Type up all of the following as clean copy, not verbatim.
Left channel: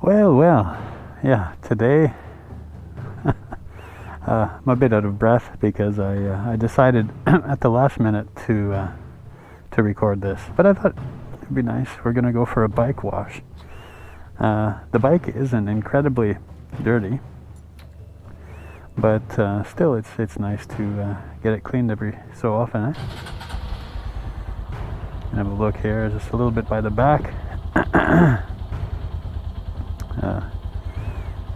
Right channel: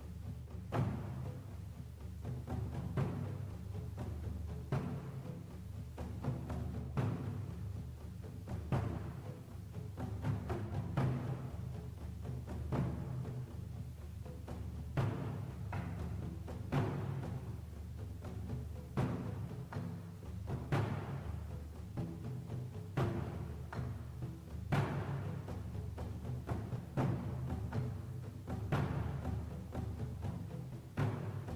Well, yeah, today I'm a bit out of breath because I decided at the last minute to record this, but I thought it'd be nice. We're gonna go for a bike wash. The bike isn't incredibly dirty, but still it's nice to get it cleaned every so often. Have a look here, just a little bit by the back.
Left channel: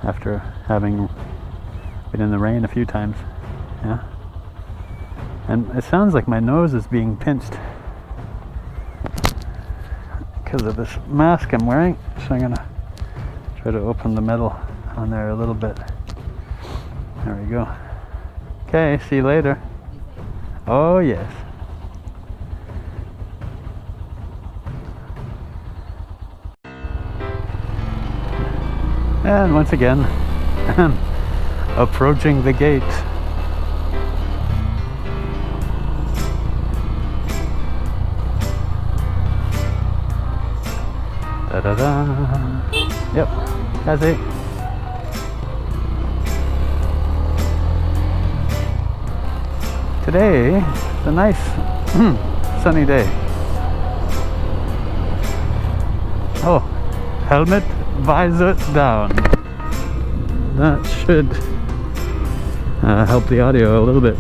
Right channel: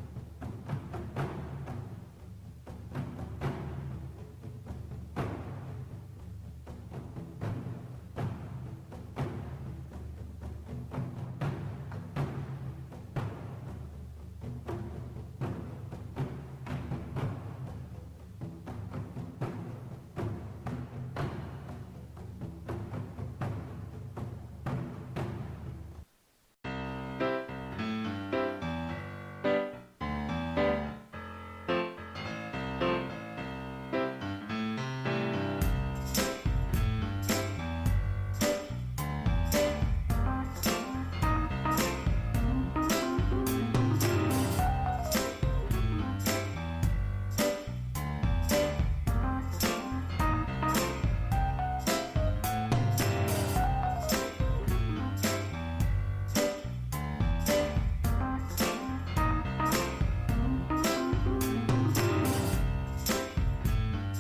After having been in the rain a few times, yeah. And it sounds like my nose is being pinched because of this mask I'm wearing. So I'm gonna try to open the metal on there a little bit. There we go. Okay, see you later. Oh yes. And once again, approaching the gate. Da-da-da. Yep, that's it. Today, it's a nice sunny day. Oh, helmet, visor down. That should help the audio a little bit.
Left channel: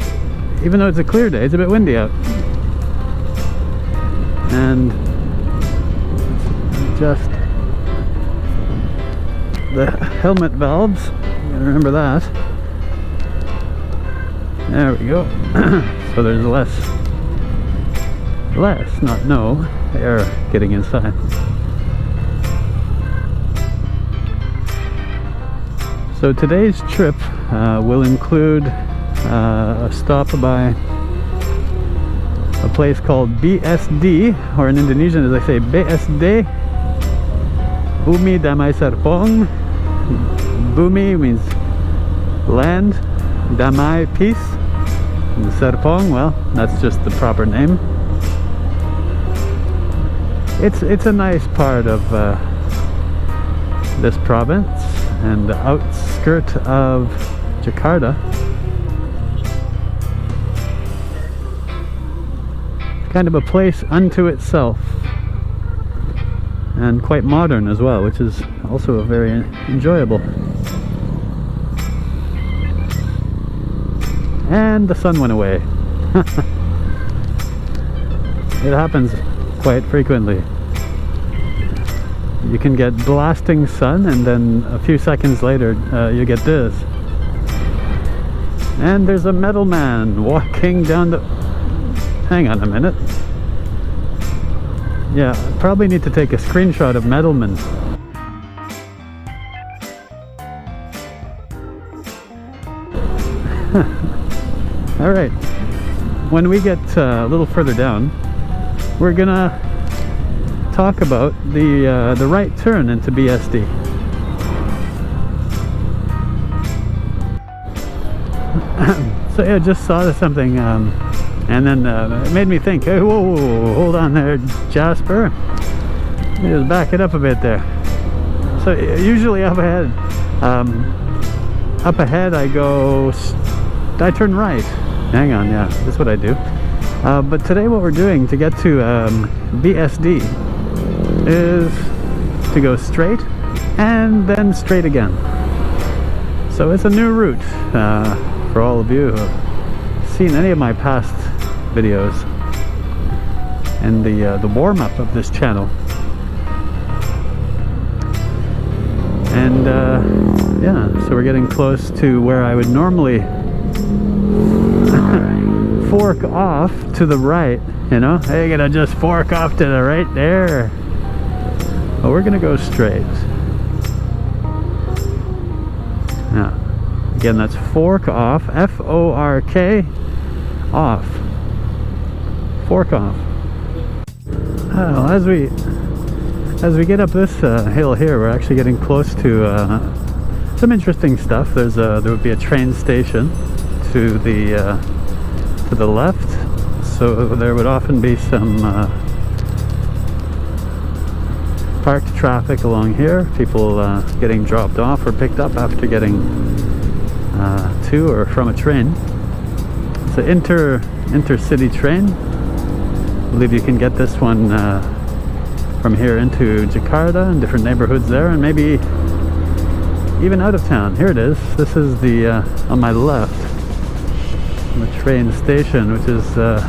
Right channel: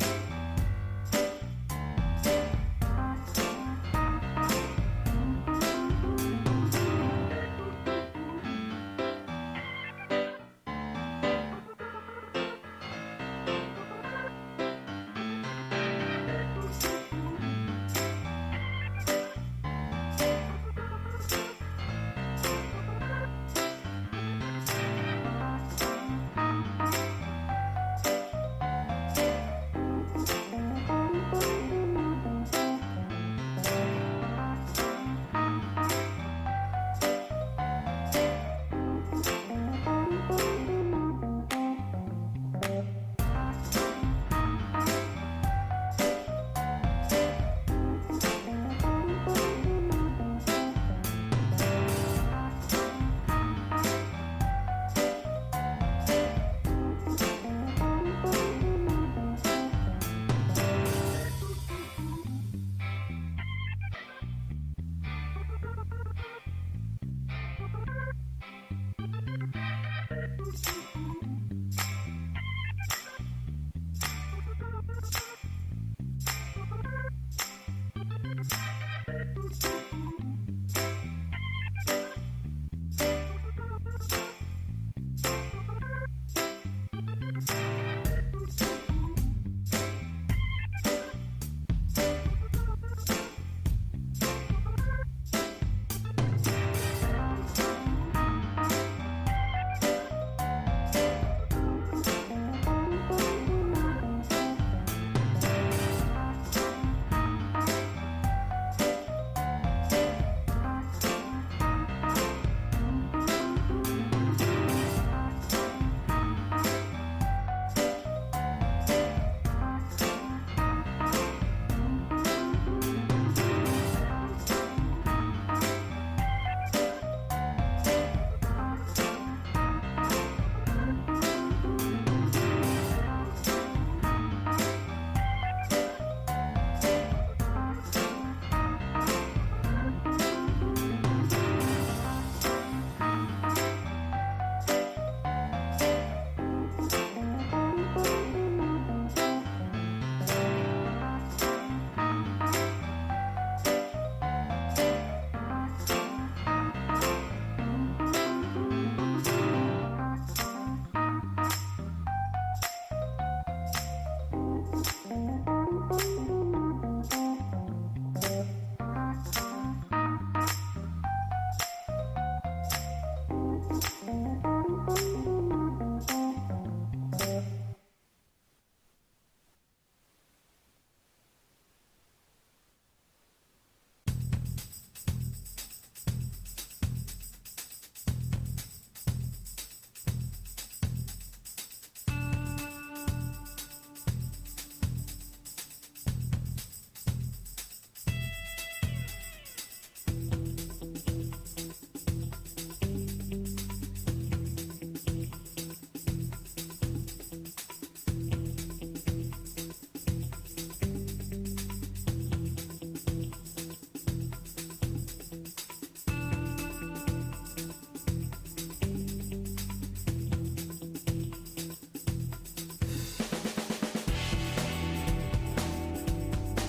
Even though it's a clear day, it's a bit windy out. And just the helmet valves, remember that. There we go. So there's not no air getting inside. So today's trip will include a stop by a place called BSD, or in Indonesian as I say BSD, Bumi Damai Serpong. Bumi means land, Damai peace, and Serpong, well, that's just the proper name. It's a nice part of this province and the outskirt of Jakarta. It's kind of a place unto itself, and quite modern as well, which is also very enjoyable. And the sun went away. It happens quite frequently. You can get blasting sun, and then a few seconds later you get this. And there's a metal man walking down the... Hang on a minute. Yeah, probably need to take a screenshot of Metalman. Alright, when we get a little further down, we're gonna talk about the right turn into BSD. So yeah, just saw something, and then it made me think, hey, whoa, hold on there, Jasper. Let me just back it up a bit there. So usually up ahead I turn right. Hang on, yeah, that's what I do. But today what we're doing to get to BSD is to go straight and then straight again. So it's a new route for all of you who have seen any of my past videos and the warm-up of this channel. And yeah, so we're getting close to where I would normally fork off to the right, you know? Hey, gonna just fork off to the right there. But we're gonna go straight. Now, again, that's fork off, F-O-R-K, off. Fork off. Well, as we get up this hill here, we're actually getting close to some interesting stuff. There would be a train station to the left, so there would often be some parked traffic along here, people getting dropped off or picked up after getting to or from a train. It's an intercity train. I believe you can get this one from here into Jakarta and different neighborhoods there, and maybe even out of town. Here it is. This is the on my left, the train station, which is yeah.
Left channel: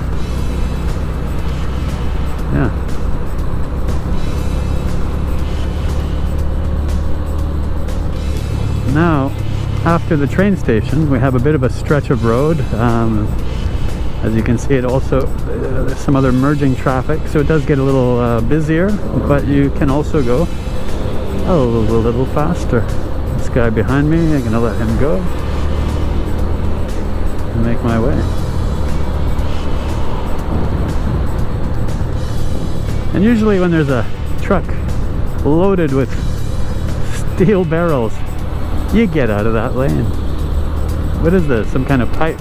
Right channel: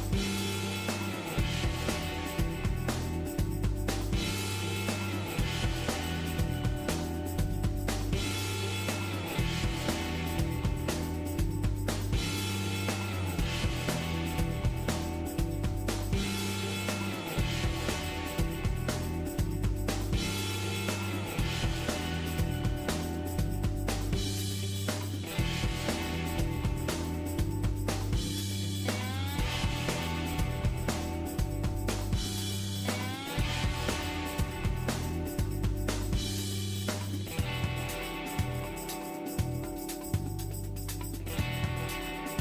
Now, after the train station, we have a bit of a stretch of road. As you can see, it also there's some other merging traffic, so it does get a little busier, but you can also go a little faster. This guy behind me, I'm gonna let him go and make my way. And usually when there's a truck loaded with steel barrels, you get out of that lane. What is this? Some kind of pipe?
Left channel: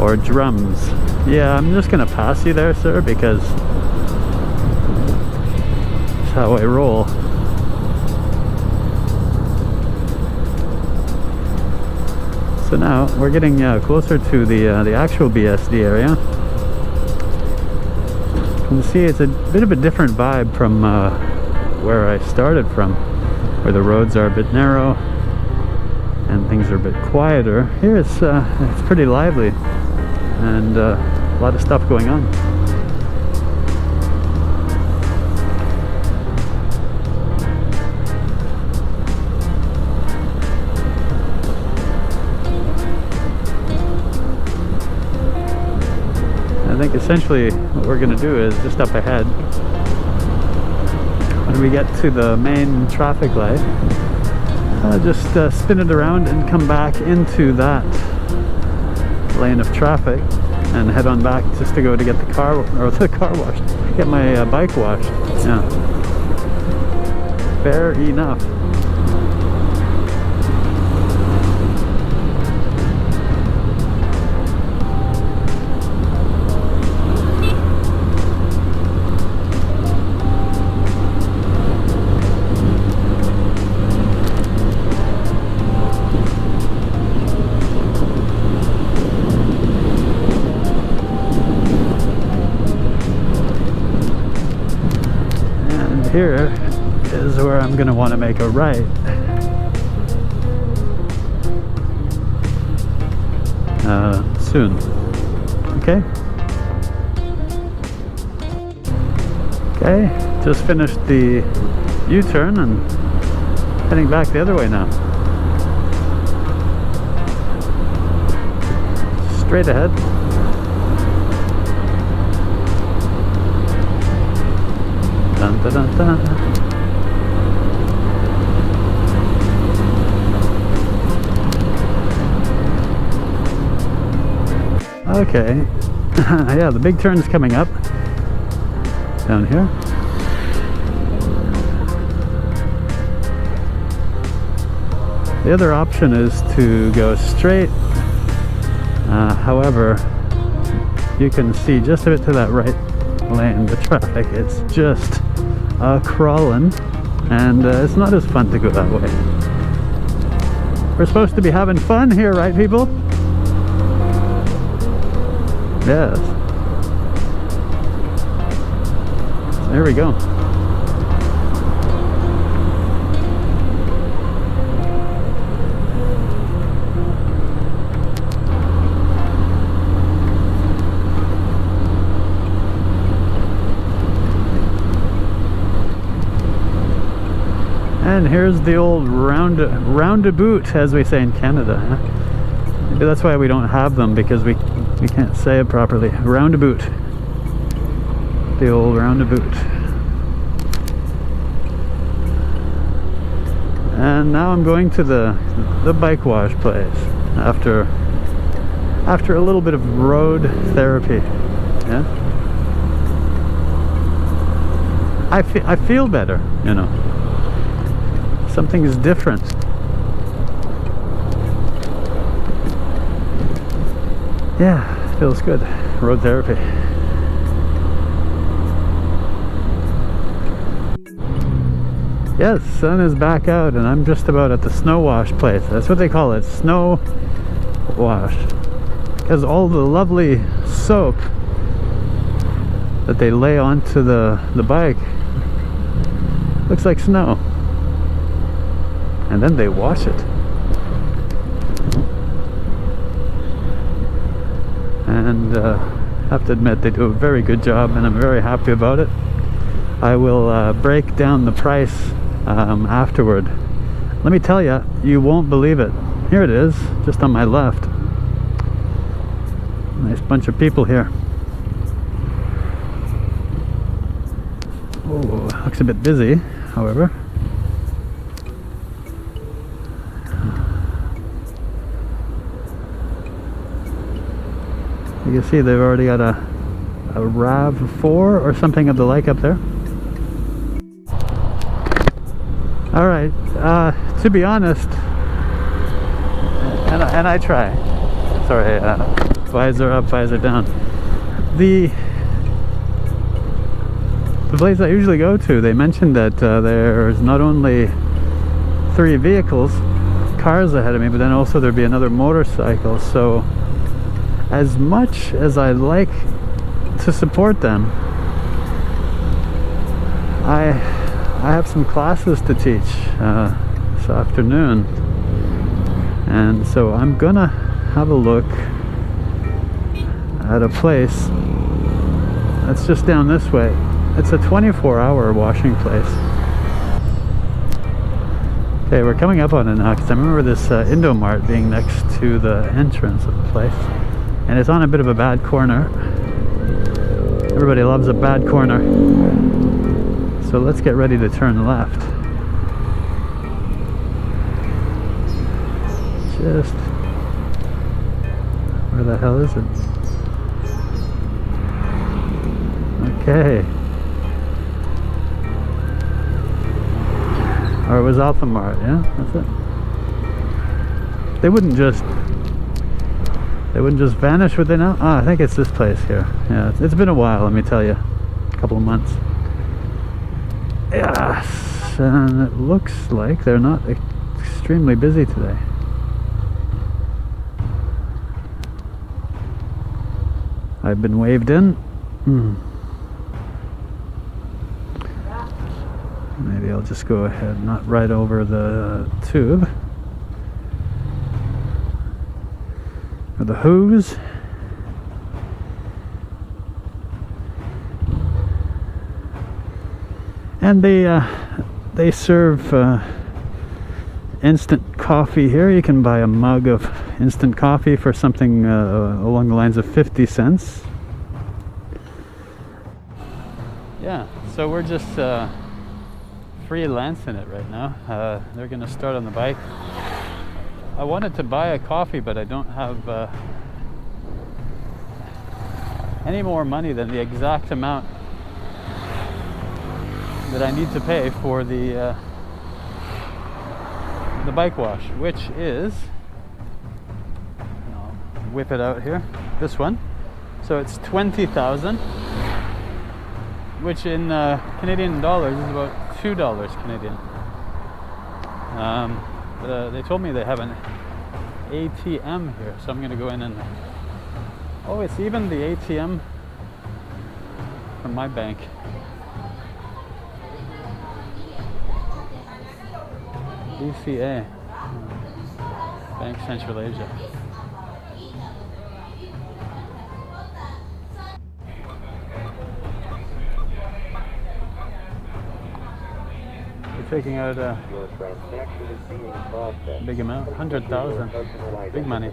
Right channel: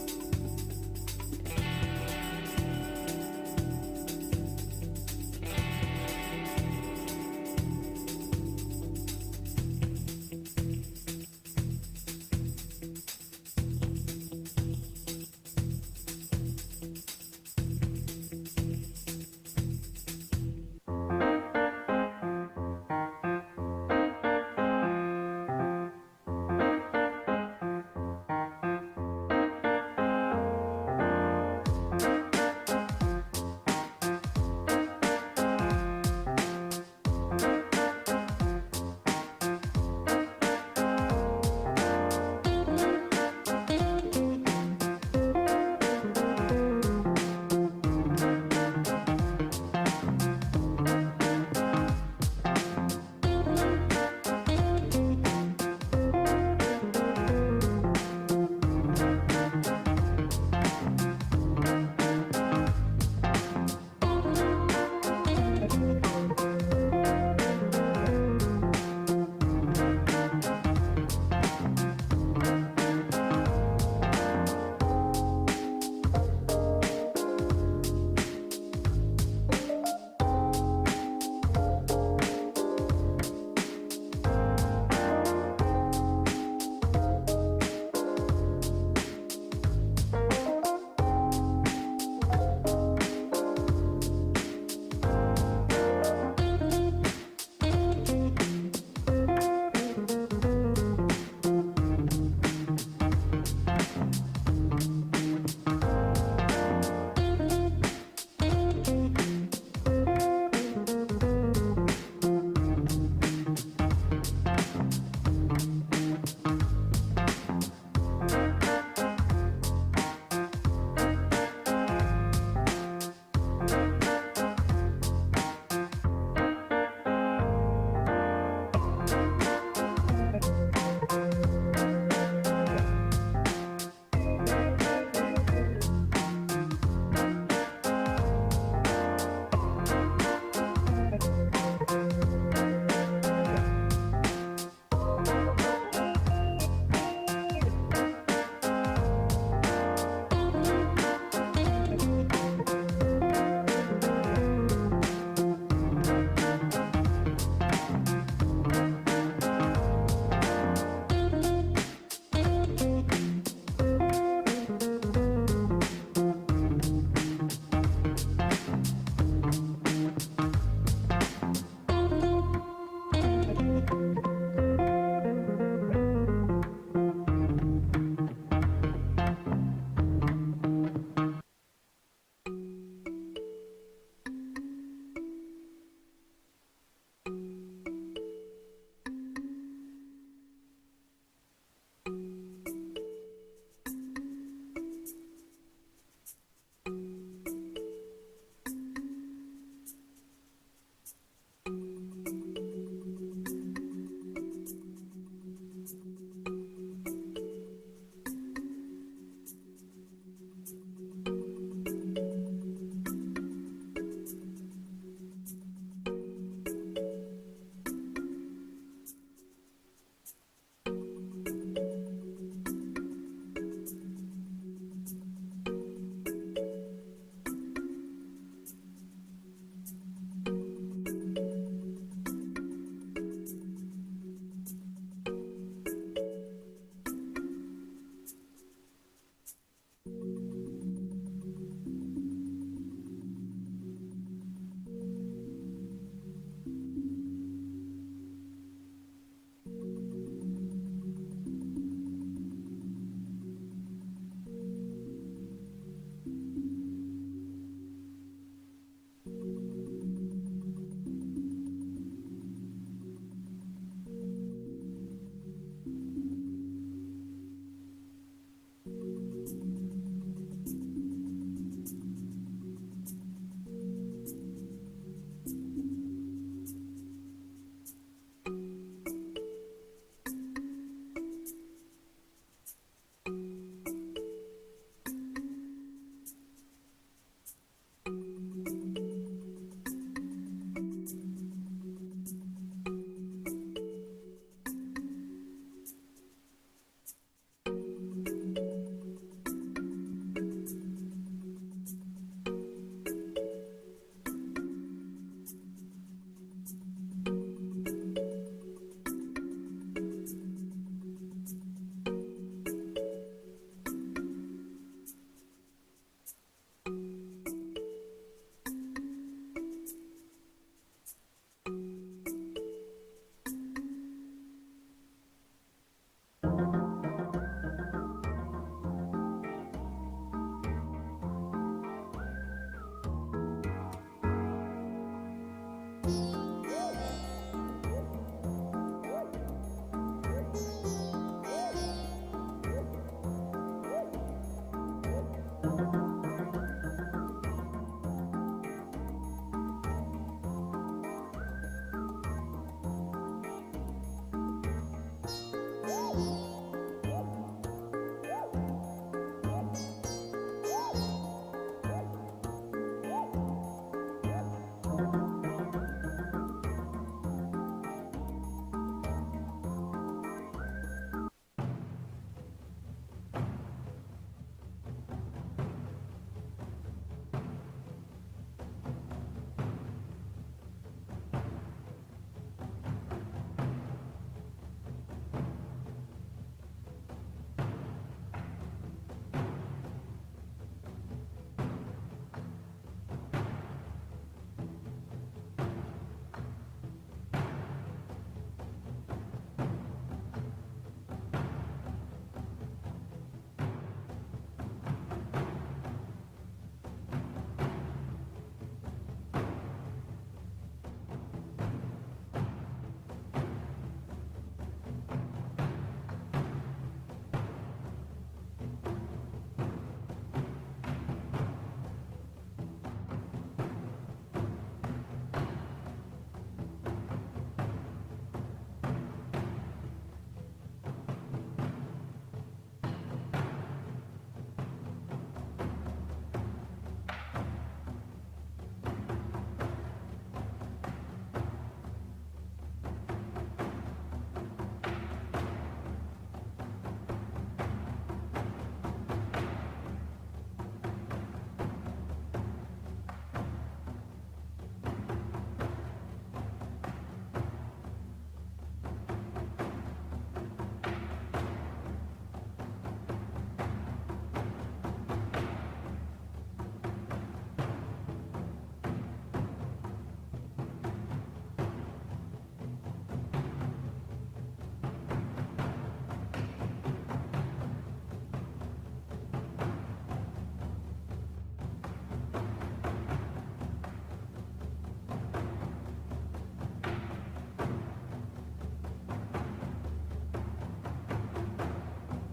Or drums? Yeah, I'm just gonna pass you there, sir, because that's how I roll. So now we're getting closer to the actual BSD area. You can see it's a bit of a different vibe from where I started from, where the roads are a bit narrow and things are a bit quieter. Here it's pretty lively and a lot of stuff going on. I think essentially what we're going to do is just up ahead, when we get to the main traffic light, just spin it around and come back into that lane of traffic and head on back just to go to get the car washed, get my bike washed. Yeah, fair enough. Here is where I'm going to want to make a right. Soon. Okay? Okay, just finished the U-turn and heading back the other way now. Straight ahead. Dun, dun, dun, dun. Okay, yeah, the big turn is coming up down here. The other option is to go straight. However, you can see just a bit to that right lane, the traffic, it's just crawling, and it's not as fun to go that way. We're supposed to be having fun here, right, people? Yes. There we go. And here's the old roundabout, as we say in Canada. Huh? Maybe that's why we don't have them, because we can't say it properly. Roundabout. The old roundabout. And now I'm going to the bike wash place after a little bit of road therapy. Yeah. I feel better, you know. Something is different. Yeah, feels good. Road therapy. Yes, sun is back out and I'm just about at the snow wash place. That's what they call it, snow wash. Because all the lovely soap that they lay onto the bike looks like snow. And then they wash it. And I have to admit they do a very good job and I'm very happy about it. I will break down the price afterward. Let me tell you, you won't believe it. Here it is, just on my left. Nice bunch of people here. Oh, looks a bit busy, however. You can see they've already got a RAV4 or something of the like up there. Alright, to be honest, and I try. Sorry, visor up, visor down. The place I usually go to, they mentioned that there's not only 3 vehicles, cars ahead of me, but then also there'd be another motorcycle. So as much as I like to support them, I have some classes to teach this afternoon, and so I'm gonna have a look at a place that's just down this way. It's a 24-hour washing place. Okay, we're coming up on it now because I remember this Indomart being next to the entrance of the place, and it's on a bit of a bad corner. Everybody loves a bad corner. So let's get ready to turn left. Just... where the hell is it? Okay. Or it was Alphamart, yeah? That's it. They wouldn't just vanish, would they now? Oh, I think it's this place here. Yeah, it's been a while, let me tell you. A couple of months. Yes, and it looks like they're not extremely busy today. I've been waved in. Maybe I'll just go ahead, not right over the tube. Or the hooves. And they serve instant coffee here. You can buy a mug of instant coffee for something along the lines of 50 cents. Yeah, so we're just freelancing it right now. They're gonna start on the bike. I wanted to buy a coffee, but I don't have any more money than the exact amount that I need to pay for the bike wash, which is, I'll whip it out here, this one. So it's 20,000, which in Canadian dollars is about $2 Canadian. They told me they have an ATM here, so I'm gonna go in and, oh, it's even the ATM from my bank. BCA, Bank Central Asia. We're taking out a big amount, 100,000, big money.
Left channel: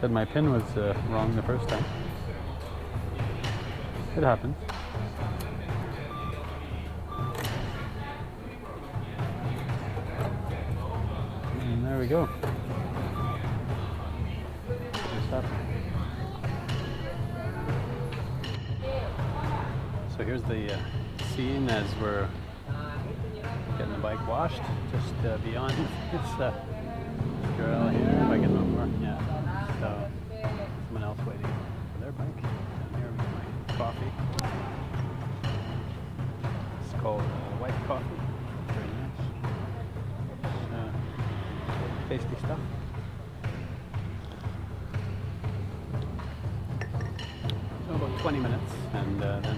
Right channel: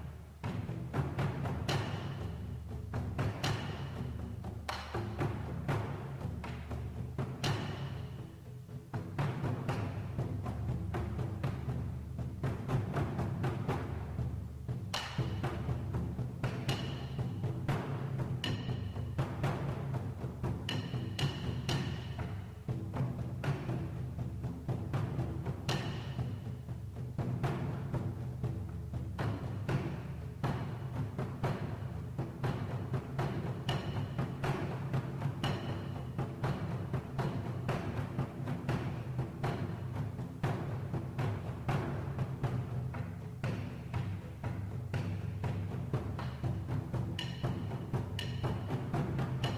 Said my pin was wrong the first time. It happens. And there we go. So here's the scene as we're washed just beyond this girl here. If I get no more, yeah. So someone else waiting for their bike. Down here we got my coffee. It's called white coffee. Very nice. Tasty stuff. So about 20 minutes and